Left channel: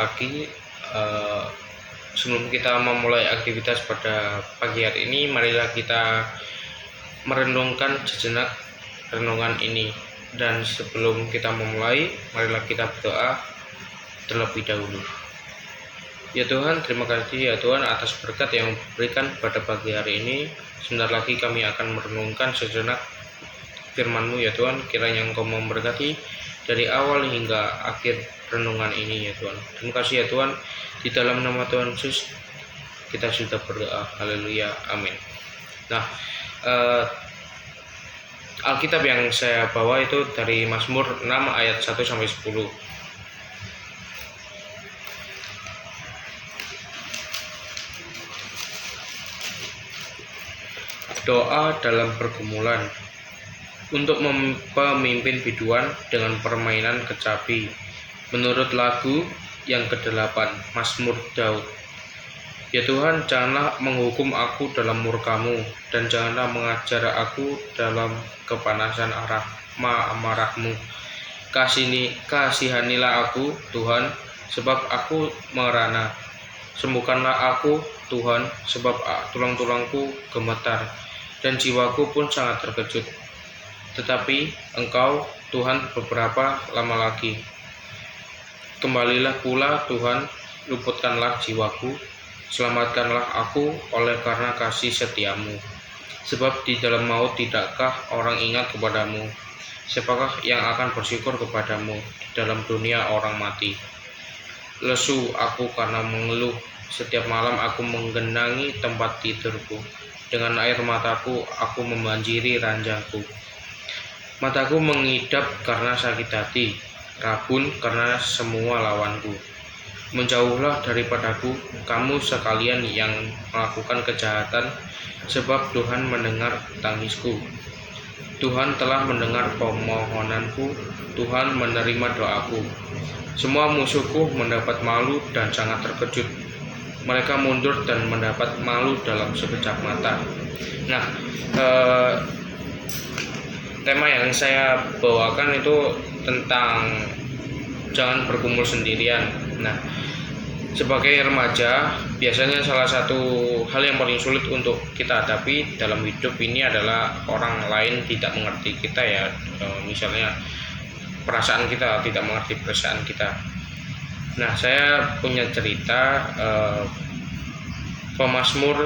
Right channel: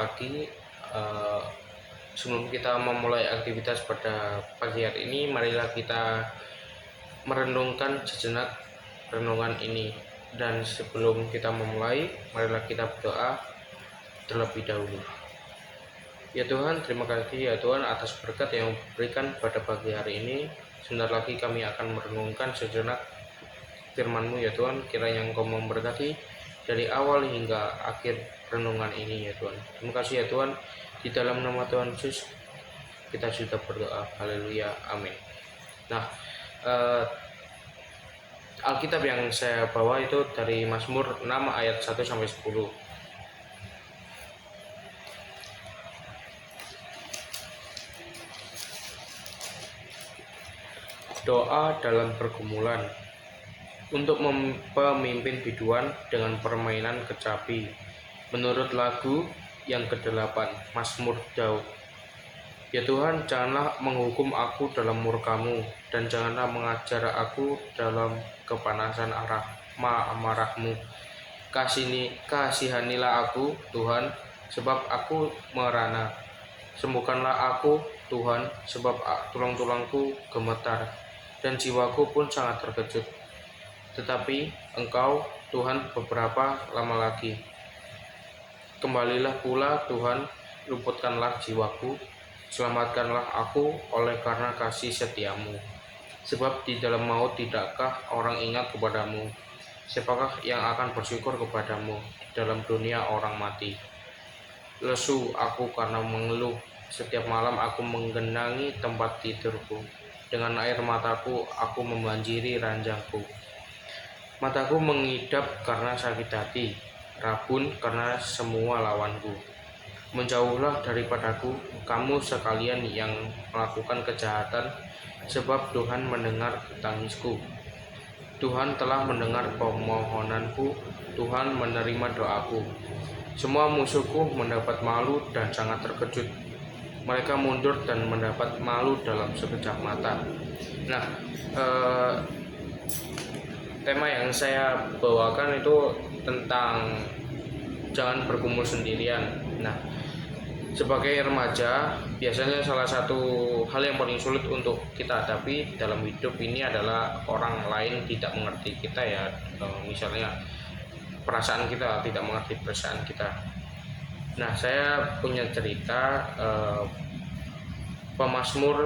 Pagi, eh, sebelum kita memulai aktivitas pada pagi hari ini, marilah kita merenungkan sejenak renungan ini. Dan sebelum kita memulai, marilah kita berdoa terlebih dahulu. Ya Tuhan, terima kasih ya Tuhan atas berkat yang berikan pada pagi hari ini. Sebentar lagi kami akan merenungkan sejenak firman-Mu ya Tuhan. Kiranya Engkau memberkati dari awal hingga akhir renungan ini ya Tuhan. Terima kasih ya Tuhan. Di dalam nama Tuhan Yesus kita sudah berdoa. Haleluya. Amin. Nah, Alkitab yang saya bawa itu dari Mazmur 6 ayat 1 sampai 10. Doa dalam pergumulan. Untuk pemimpin biduan dengan permainan kecapi. Menurut lagu yang ke-8, Mazmur Daud. Ya Tuhan, janganlah menghukum aku dalam murka-Mu, dan janganlah mengajar aku dalam kepanasan amarah-Mu. Kasihanilah aku, Tuhan, sebab aku merana. Sembuhkanlah aku, Tuhan, sebab tulang-tulangku gemetar, dan jiwaku pun sangat terkejut. Tetapi Engkau, Tuhan, beberapa lama lagi. Kembalilah pula, Tuhan, luputkanlah jiwaku, selamatkanlah aku oleh karena kasih setia-Mu. Sebab di dalam maut tidakkah orang ingat kepadamu? Siapakah yang akan bersyukur kepadamu di dalam dunia orang mati? Lesu aku karena mengeluh, setiap malam aku menggenangi tempat tidurku. Dengan air mataku aku membanjiri ranjangku. Mataku mengidap karena sakit hati, rabun karena semua lawanku. Menjauhlah daripadaku, kamu sekalian yang melakukan kejahatan, sebab Tuhan mendengar tangisku. Tuhan telah mendengar permohonanku, Tuhan menerima doaku. Semua musuhku mendapat malu dan sangat terkejut. Mereka mundur dan mendapat malu dalam sekejap mata. Nah, tema yang saya bawakan itu tentang jangan bergumul sendirian. Nah, sebagai remaja, biasanya salah satu hal yang paling sulit untuk kita hadapi dalam hidup ini adalah orang lain tidak mengerti kita ya. Misalnya perasaan kita tidak mengerti perasaan kita. Nah, saya punya cerita pemazmur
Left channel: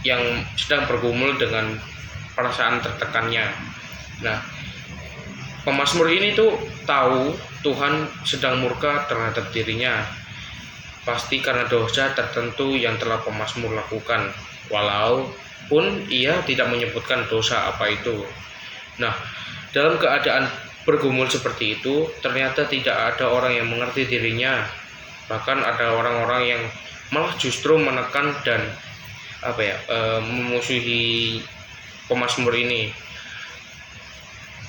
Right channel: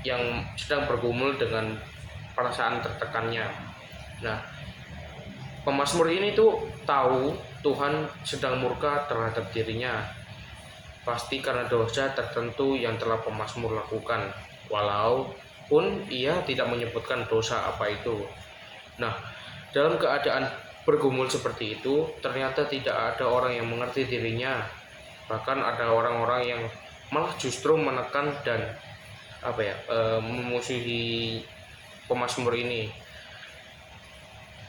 yang sedang bergumul dengan perasaan tertekannya. Nah, pemazmur ini tuh tahu Tuhan sedang murka terhadap dirinya, pasti karena dosa tertentu yang telah pemazmur lakukan, walaupun ia tidak menyebutkan dosa apa itu. Nah, dalam keadaan bergumul seperti itu, ternyata tidak ada orang yang mengerti dirinya. Bahkan ada orang-orang yang malah justru menekan dan memusuhi pemazmur ini.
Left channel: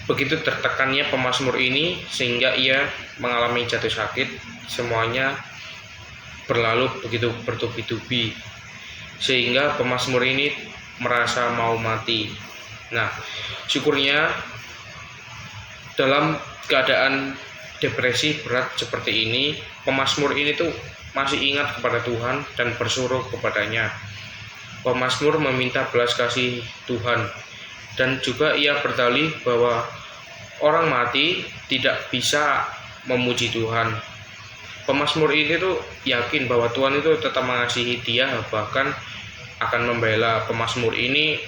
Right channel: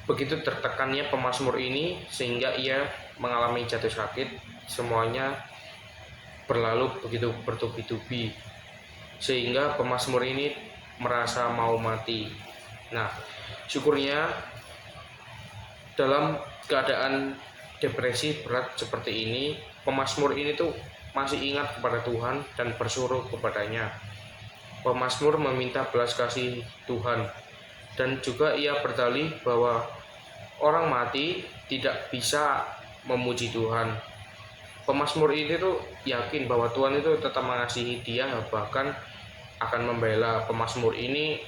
Begitu tertekannya pemazmur ini sehingga ia mengalami jatuh sakit, semuanya berlalu begitu bertubi-tubi sehingga pemazmur ini merasa mau mati. Nah, syukurnya dalam keadaan depresi berat seperti ini, pemazmur ini tuh masih ingat kepada Tuhan dan bersuruh kepadanya. Pemazmur meminta belas kasih Tuhan, dan juga ia berdalih bahwa orang mati tidak bisa memuji Tuhan. Pemazmur ini tuh yakin bahwa Tuhan itu tetap mengasihi dia, bahkan akan membela pemazmur ini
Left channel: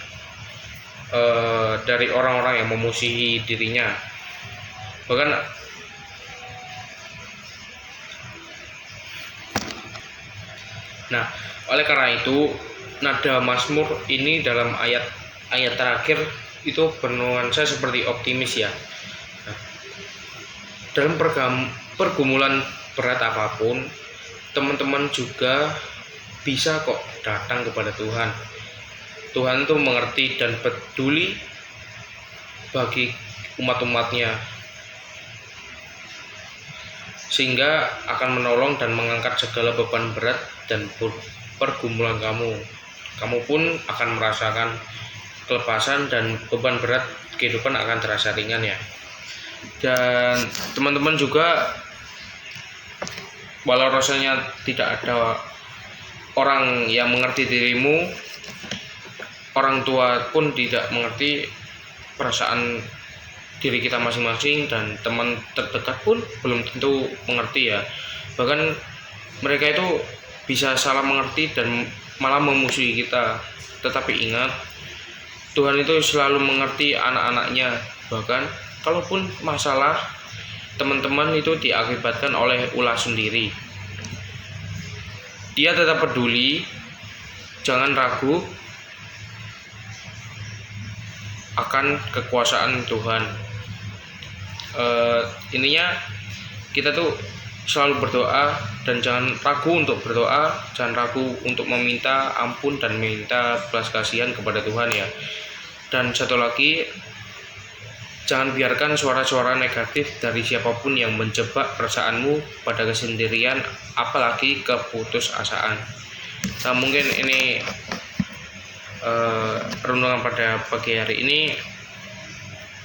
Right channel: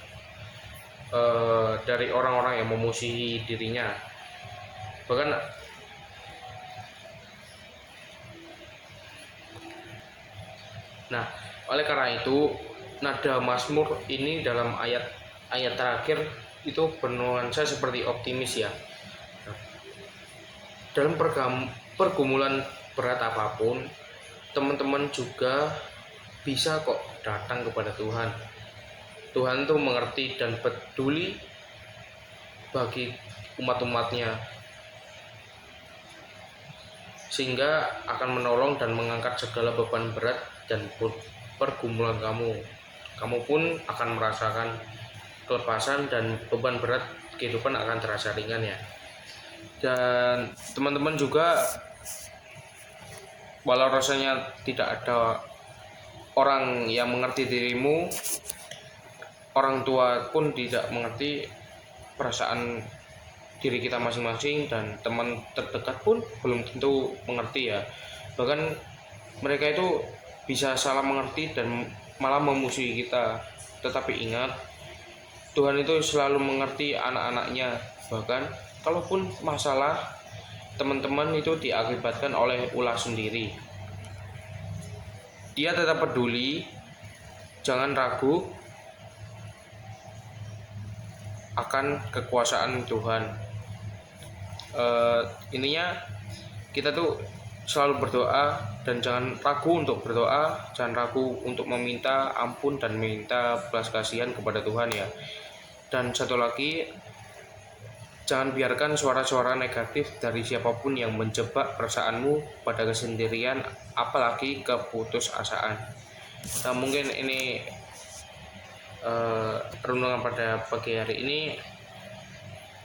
dari orang-orang yang memusuhi dirinya. Bahkan oleh karena itu nada Mazmur ini dalam ayat terakhir itu bernuansa seperti optimis ya. Dalam pergumulan berat apapun, teman-teman juga bisa kok datang kepada Tuhan. Tuhan itu mengerti dan peduli bagi umat-umatnya, sehingga akan menolong dan mengangkat segala beban berat dan pergumulan kamu. Kamu pun akan merasakan kelepasan dan beban berat kehidupan akan terasa ringan ya. Dan teman-teman juga walau rasanya tidak ada orang yang mengerti dirimu, orang tua pun tidak mengerti perasaan diri kita masing-masing, dan teman terdekat pun belum tentu mengerti ya. Bahkan mereka itu bisa salah mengerti dan malah memusuhi kita. Tetapi ingat, Tuhan itu selalu mengerti anak-anaknya. Bahkan kalaupun masalah teman-teman itu diakibatkan oleh ulah sendiri, Dia tetap peduli. Jangan ragu akan kekuasaan Tuhan. Intinya kita tuh selalu berdoa, dan jangan ragu untuk berdoa, jangan ragu untuk meminta ampun dan minta belas kasihan kepada Tuhan ya. Dan satu lagi, jangan biarkan suara-suara negatif dari siapapun yang menjebak perasaanmu pada kesendirian, apalagi keputusasaan. Nah, mungkin ini renungan pada pagi hari ini.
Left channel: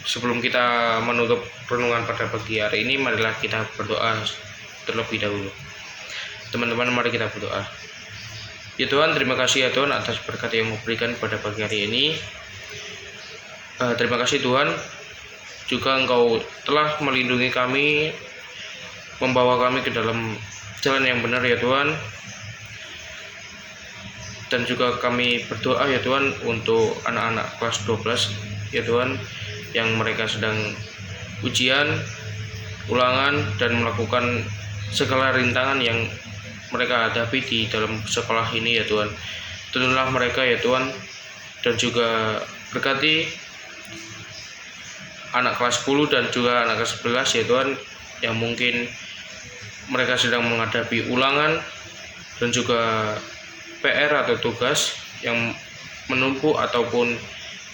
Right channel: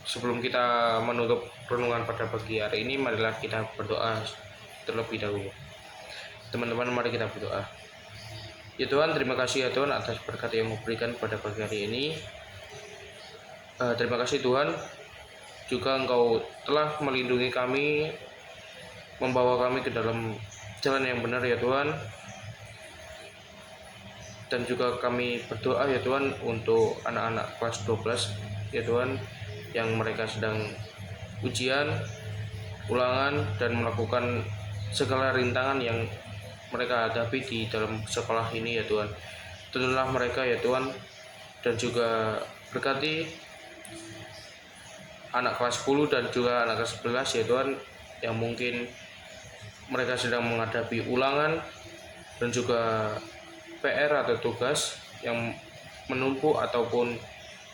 Sebelum kita menutup renungan pada pagi hari ini, marilah kita berdoa terlebih dahulu. Teman-teman, mari kita berdoa. Ya Tuhan, terima kasih ya Tuhan atas berkat yang memberikan pada pagi hari ini. Terima kasih Tuhan, juga Engkau telah melindungi kami, membawa kami ke dalam jalan yang benar ya Tuhan. Dan juga kami berdoa ya Tuhan untuk anak-anak kelas 12 ya Tuhan, yang mereka sedang ujian, ulangan, dan melakukan segala rintangan yang mereka hadapi di dalam sekolah ini ya Tuhan. Tuntunlah mereka ya Tuhan, dan juga berkati anak kelas 10 dan juga anak kelas 11 ya Tuhan, yang mungkin mereka sedang menghadapi ulangan dan juga PR atau tugas yang menumpuk ataupun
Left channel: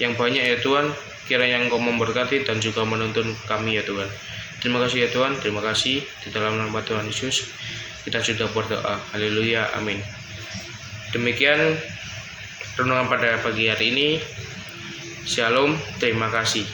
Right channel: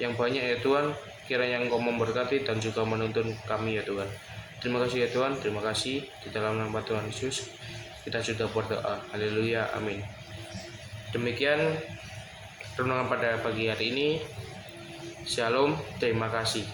yang banyak ya Tuhan. Kiranya Engkau memberkati dan juga menuntun kami ya Tuhan. Terima kasih ya Tuhan, terima kasih. Di dalam nama Tuhan Yesus kita sudah berdoa. Haleluya, amin. Demikian renungan pada pagi hari ini. Shalom, terima kasih.